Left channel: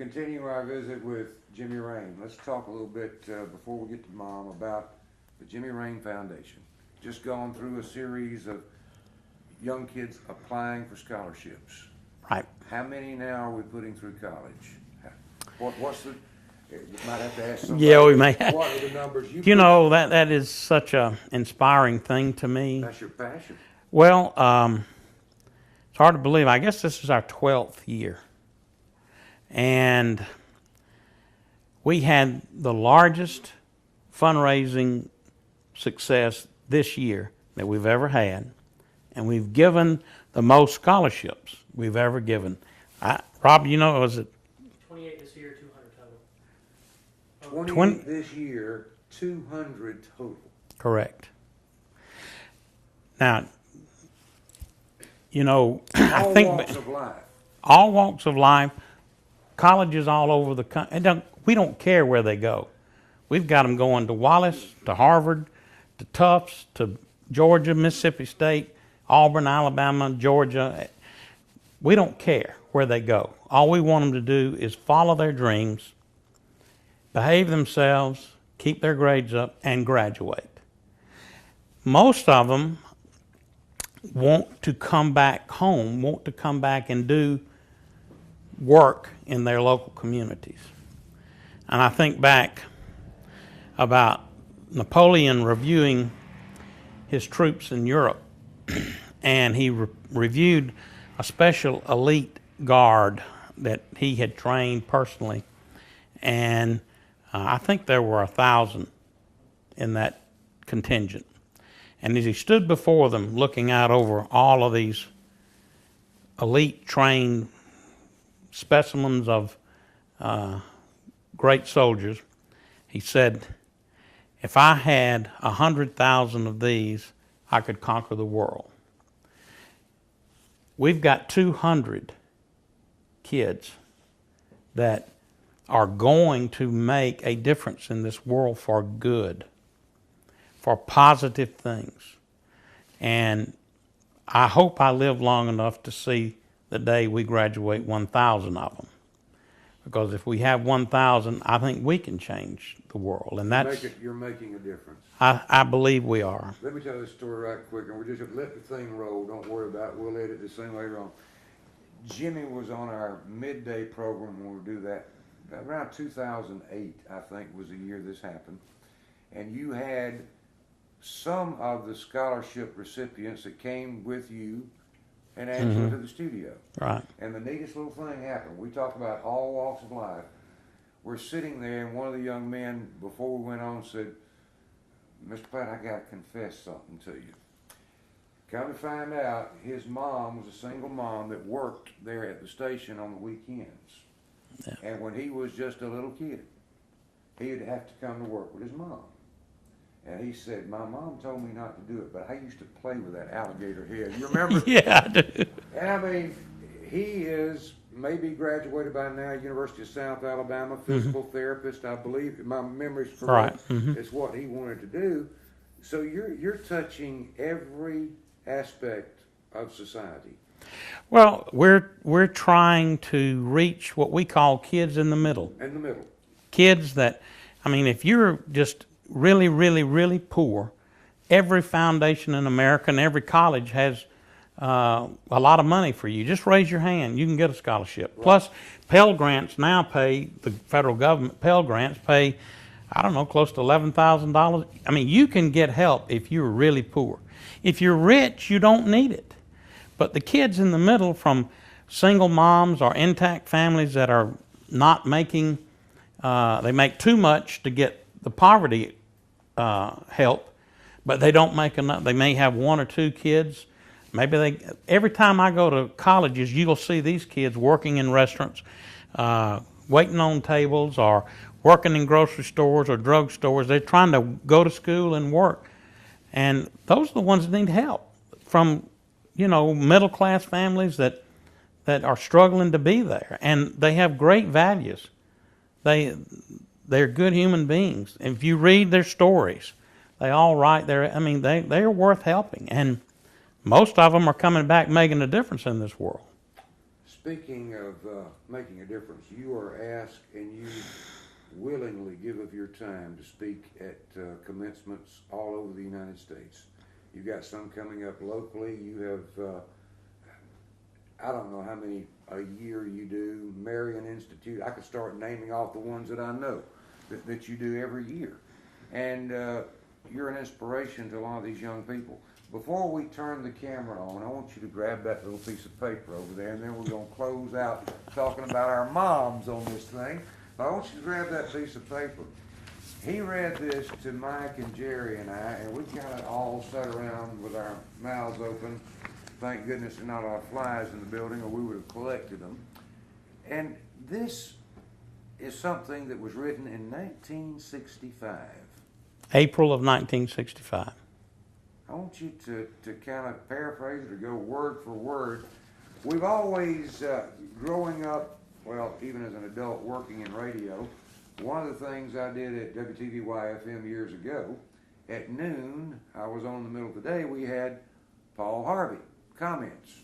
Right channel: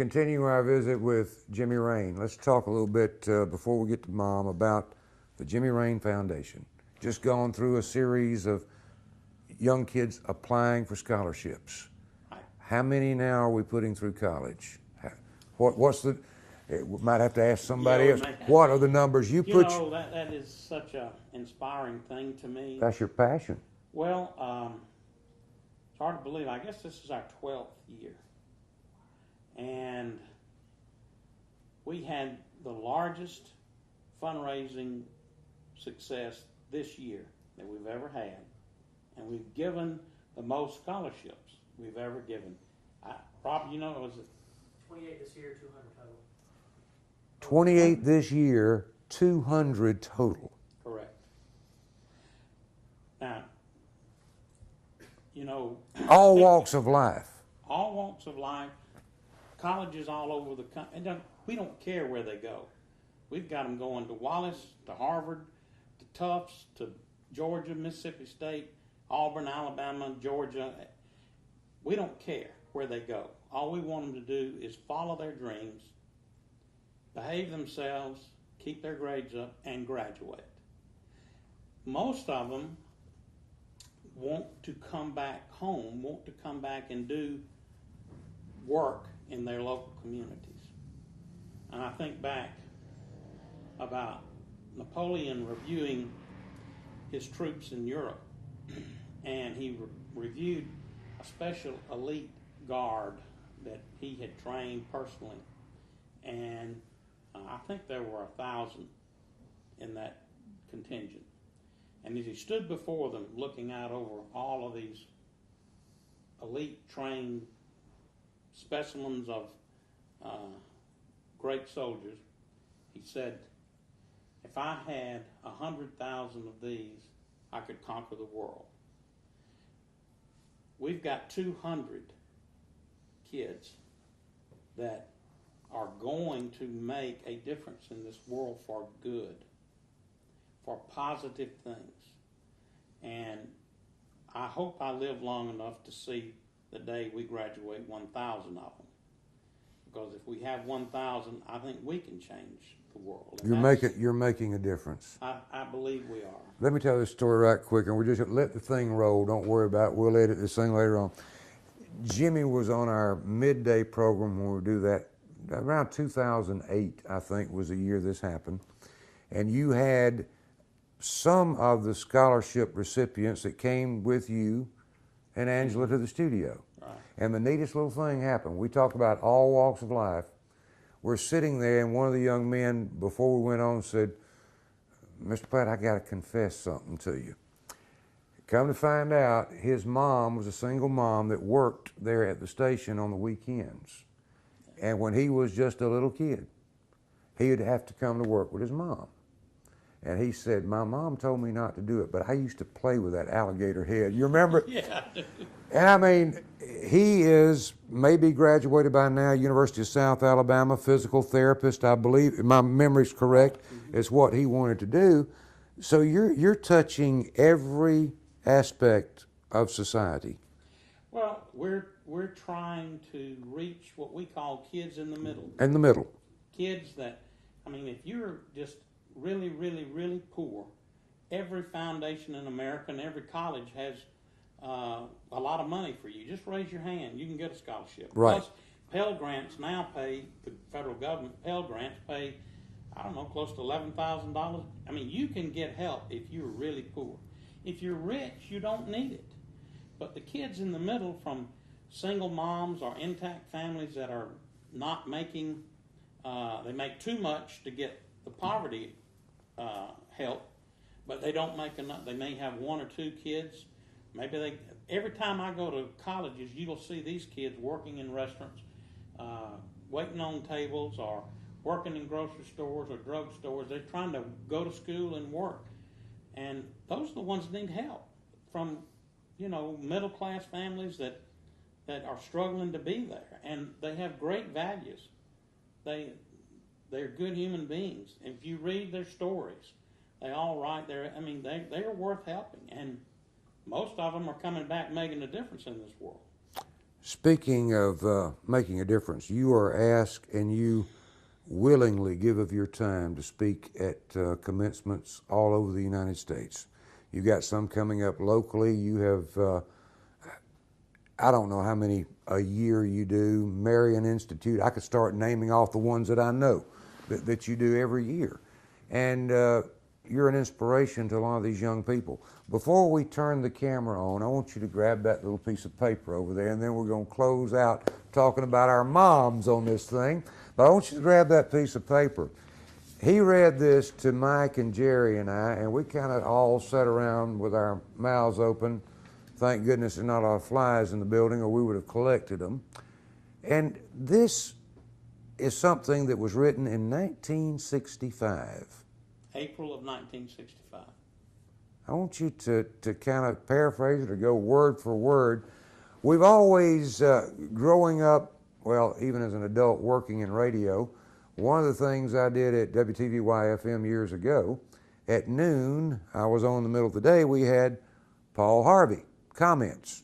continue our visit with Jimmy Rayne. Let's talk a little bit before we get to Mom about the Jimmy Rayne Foundation. Just gone through a series of young kids applying for scholarships. Right. How many now are we putting through college? What's the? We might have to ask somebody. Yeah, we may. What are the numbers you? You know, that is such a inspiring thing to me. That's your passion. Well, it's hard to believe. I guess this is our 12th year, and we had the largest fundraising success this year that we've ever had, and we've given the most scholarships we've ever given. Rob, you know, was it 28 this year, 200 total. 28 this year, 200 total. Correct. Now, you know, all walks of life. All walks of life, colleges all over the country. We don't care where they go. We've got them going to Wallace, to Harvard, to Tufts, to Georgia, Mississippi State, Auburn, Alabama, Georgia. We don't care where they go. All we want them to do is follow their dreams, behave themselves, keep their grades up, and graduate. Most of them want to come back home, want to come back and do work in their local communities. And I think back about Napoleon reviewing his troops in Europe, and he reviewed a special elite guard that he had trained personally, and I think there were 1,000 in that contingent. And as he stood before them, looking out over all of these elite trained specimens of great soldiers, he said, if I had 100,000 of these, I could conquer the world. We've got 200 kids that are going to make a difference in this world for good, for positive things. And I hope I live long enough to see the day we graduate 1,000 of them. Because if we have 1,000, I think we can change the world. And you're making a difference. I believe we are. Let me tell you this story right quick, and we're just gonna let the thing roll. Don't worry about it. We'll edit this thing later on. Jimmy was on our midday program when we do that. Around 2008, I think, was the year this happened. And you had some of the scholarship recipients that came with you and Angela to the studio. Right. And the neatest little thing happened. We talk about all walks of life. We're sitting there, and one of the young men, before we went on, said, Mr. Platt, I got to confess something to you. Come to find out, his mom was a single mom that worked there at the station on the weekends. Yeah. And when he was just a little kid, he would have to come to work with his mom. And he said, my mom told me not to do it, but I used to play with that alligator head. You remember? Yeah, I do. And I mean, he is maybe graduated by now, University of South Alabama, physical therapist, I believe. If my memory's correct. Right. It's what he wanted to do. So you're touching every aspect of society. Well, we're trying to reach what we call kids in the middle. In the middle. Kids that, I mean, if you're just really, really, really poor, every foundation in America and every college has a lot of money for you. Just raise your hand. You can get a scholarship. Right. Plus, Pell Grants now pay, the federal government, Pell Grants pay, I don't know, close to $11,000. I mean, you can get help if you're really poor. If you're rich, you don't need it. But the kids in the middle, from single moms or intact families that are not making, they make too much to get the poverty help, but they don't make enough. They may have one or two kids. Maybe every time I go to colleges, you'll see these kids working in restaurants, waiting on tables, or working in grocery stores or drug stores. They're trying to go to school and work. And those are the ones that need help from, you know, middle-class families that are struggling to be there. And they have great values. They're good human beings. If you read their stories, they all write their, I mean, they're worth helping. And most of them are coming back making a difference in this world. Speaking of making a difference, you are asked and you willingly give of your time to speak at commencements all over the United States. You got some coming up locally. You have, I don't know how many a year you do. Marion Institute, I could start naming off the ones that I know that you do every year. And you're an inspiration to a lot of these young people. Before we turn the camera on, I want you to grab that little piece of paper over there, and then we're going to close out talking about our moms on this thing. But I want you to grab that piece of paper. He read this to Mike and Jerry and I, and we kind of all sat around with our mouths open. Thank goodness there's not a lot of flies in the building, or we would have collected them. And this is something that was written in 1965. April of 1965. I want you to kind of paraphrase it or go word for word. We've always, growing up, well, even as an adult working in radio, one of the things I did at WTVY-FM years ago, at noon, I was on in the middle of the day, we had Paul Harvey comments.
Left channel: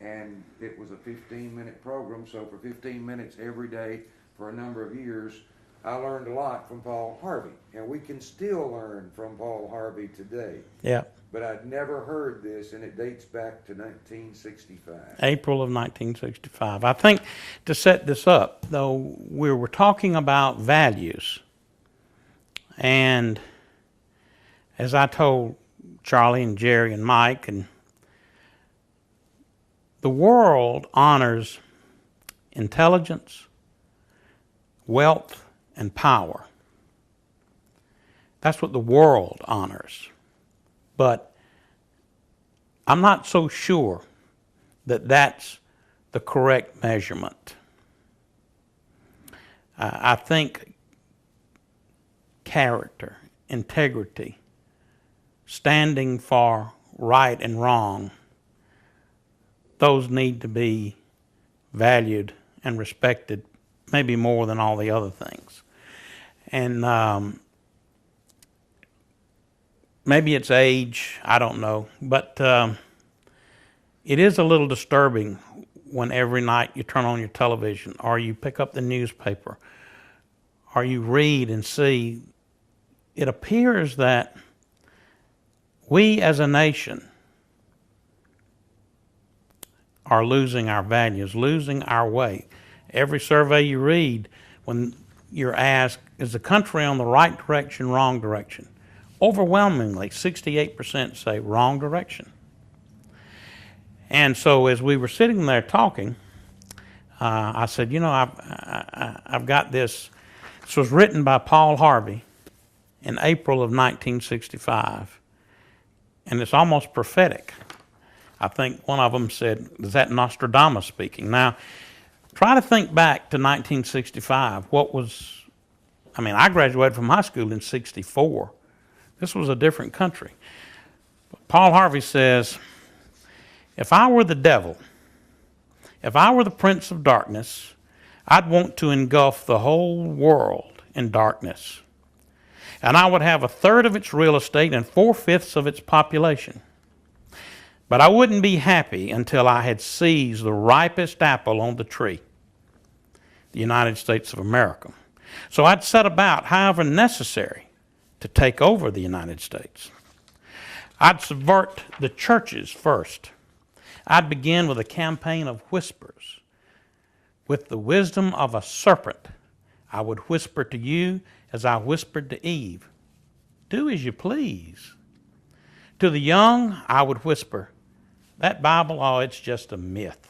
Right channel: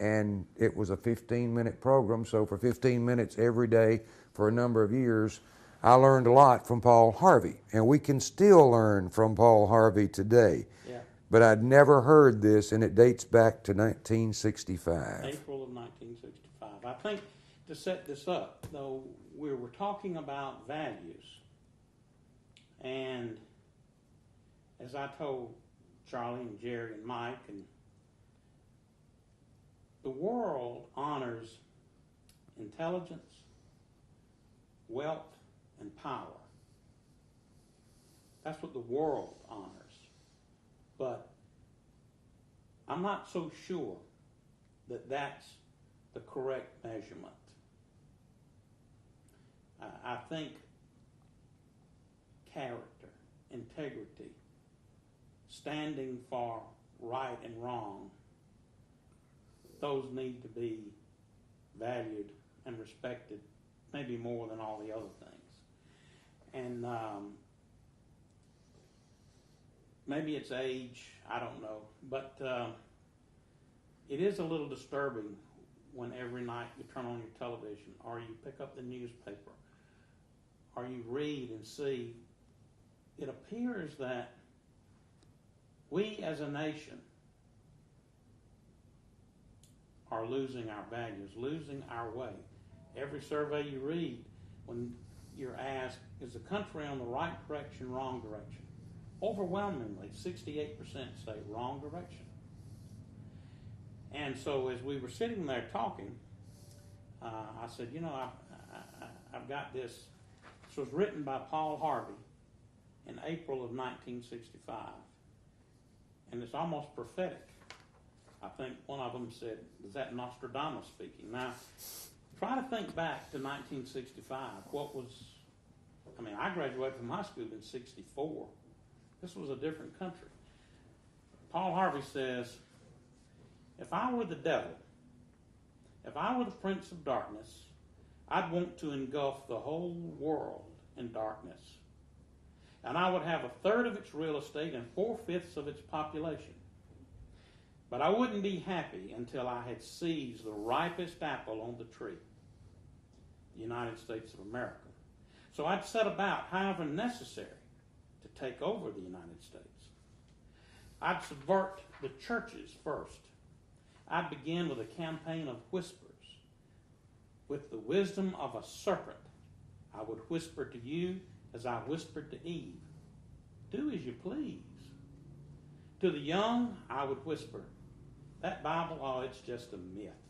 And it was a 15-minute program, so for 15 minutes every day for a number of years, I learned a lot from Paul Harvey. And we can still learn from Paul Harvey today. Yeah. But I'd never heard this, and it dates back to 1965. April of 1965. I think to set this up, though, we were talking about values. And as I told Charlie and Jerry and Mike, and the world honors intelligence, wealth, and power. That's what the world honors. But I'm not so sure that that's the correct measurement. I think character, integrity, standing for right and wrong, those need to be valued and respected, maybe more than all the other things. And maybe it's age, I don't know, but it is a little disturbing when every night you turn on your television or you pick up the newspaper or you read and see, it appears that we as a nation are losing our values, losing our way. Every survey you read, when you're asked, is the country on the right direction, wrong direction? Overwhelmingly, 68% say wrong direction. And so as we were sitting there talking, I said, you know, I've got this. This was written by Paul Harvey in April of 1965, and it's almost prophetic. I think one of them said, is that Nostradamus speaking? Now, try to think back to 1965. I graduated from high school in 64. This was a different country. Paul Harvey says, if I were the devil, if I were the prince of darkness, I'd want to engulf the whole world in darkness. And I would have 1/3 of its real estate and 4/5 of its population. But I wouldn't be happy until I had seized the ripest apple on the tree, the United States of America. So I'd set about, however necessary, to take over the United States. I'd subvert the churches first. I'd begin with a campaign of whispers. With the wisdom of a serpent, I would whisper to you as I whispered to Eve, do as you please. To the young, I would whisper, that Bible, oh, it's just a myth.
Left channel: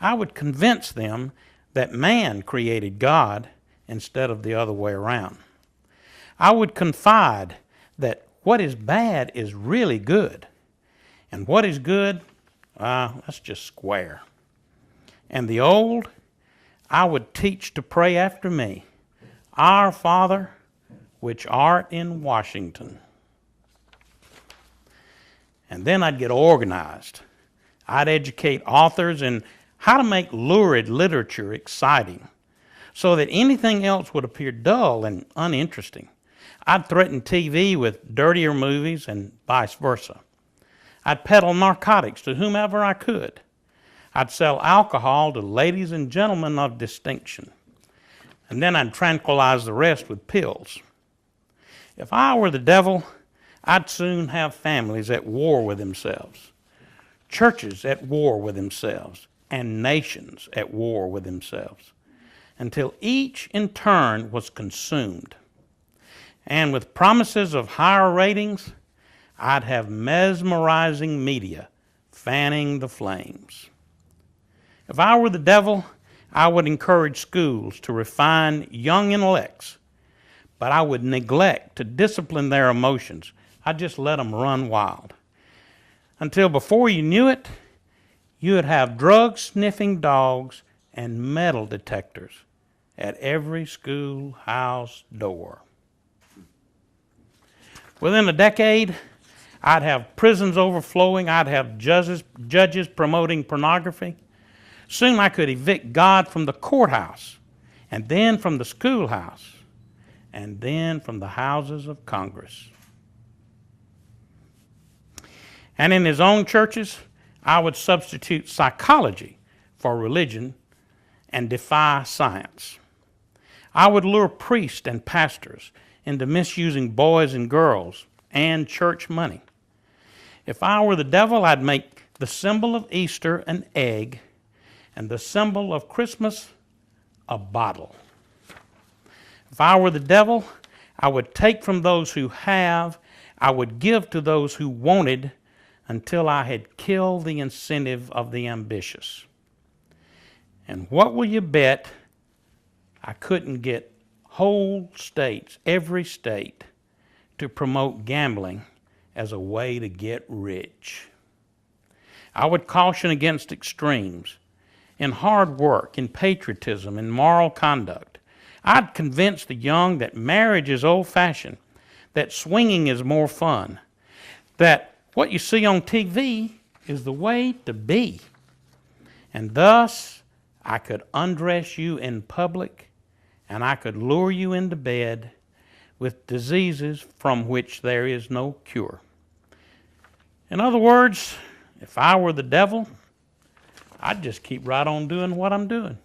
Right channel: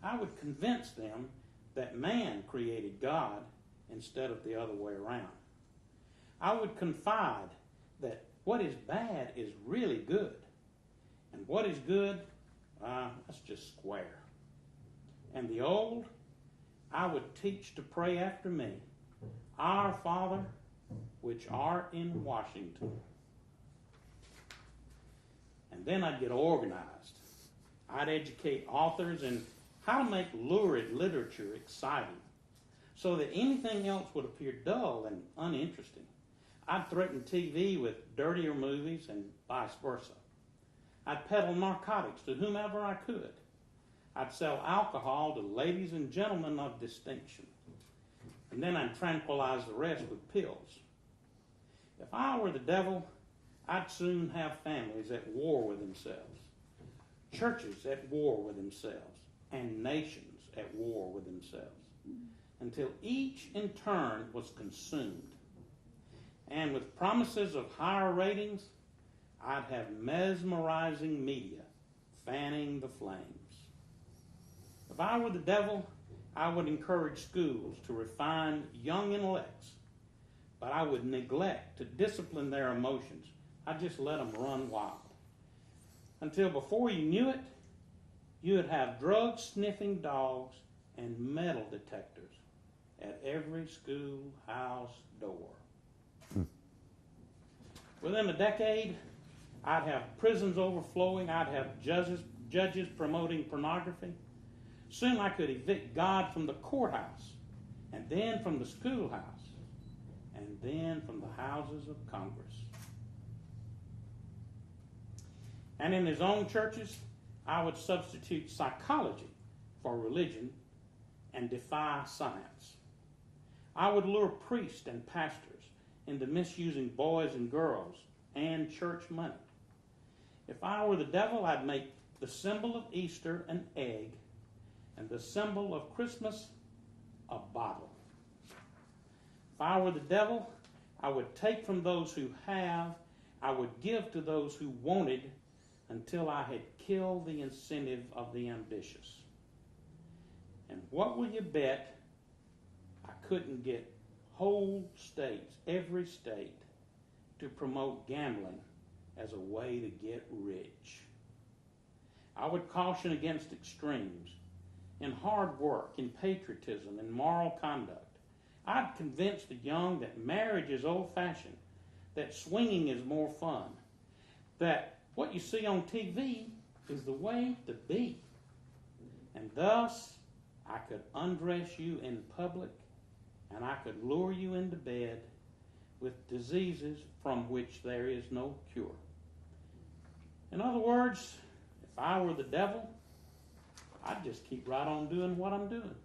I would convince them that man created God instead of the other way around. I would confide that what is bad is really good, and what is good, that's just square. And the old, I would teach to pray after me, Our Father, which art in Washington. And then I'd get organized. I'd educate authors in how to make lurid literature exciting so that anything else would appear dull and uninteresting. I'd threaten TV with dirtier movies and vice versa. I'd peddle narcotics to whomever I could. I'd sell alcohol to ladies and gentlemen of distinction. And then I'd tranquilize the rest with pills. If I were the devil, I'd soon have families at war with themselves, churches at war with themselves, and nations at war with themselves, until each in turn was consumed. And with promises of higher ratings, I'd have mesmerizing media fanning the flames. If I were the devil, I would encourage schools to refine young intellects, but I would neglect to discipline their emotions. I'd just let them run wild. Until before you knew it, you would have drug-sniffing dogs and metal detectors at every schoolhouse door. Within a decade, I'd have prisons overflowing. I'd have judges promoting pornography. Soon I could evict God from the courthouse, and then from the schoolhouse, and then from the houses of Congress. And in his own churches, I would substitute psychology for religion and defy science. I would lure priests and pastors into misusing boys and girls and church money. If I were the devil, I'd make the symbol of Easter an egg and the symbol of Christmas a bottle. If I were the devil, I would take from those who have, I would give to those who wanted, until I had killed the incentive of the ambitious. And what will you bet I couldn't get whole states, every state, to promote gambling as a way to get rich? I would caution against extremes in hard work, in patriotism, in moral conduct. I'd convince the young that marriage is old-fashioned, that swinging is more fun, that what you see on TV is the way to be. And thus, I could undress you in public, and I could lure you into bed with diseases from which there is no cure. In other words, if I were the devil, I'd just keep right on doing what I'm doing.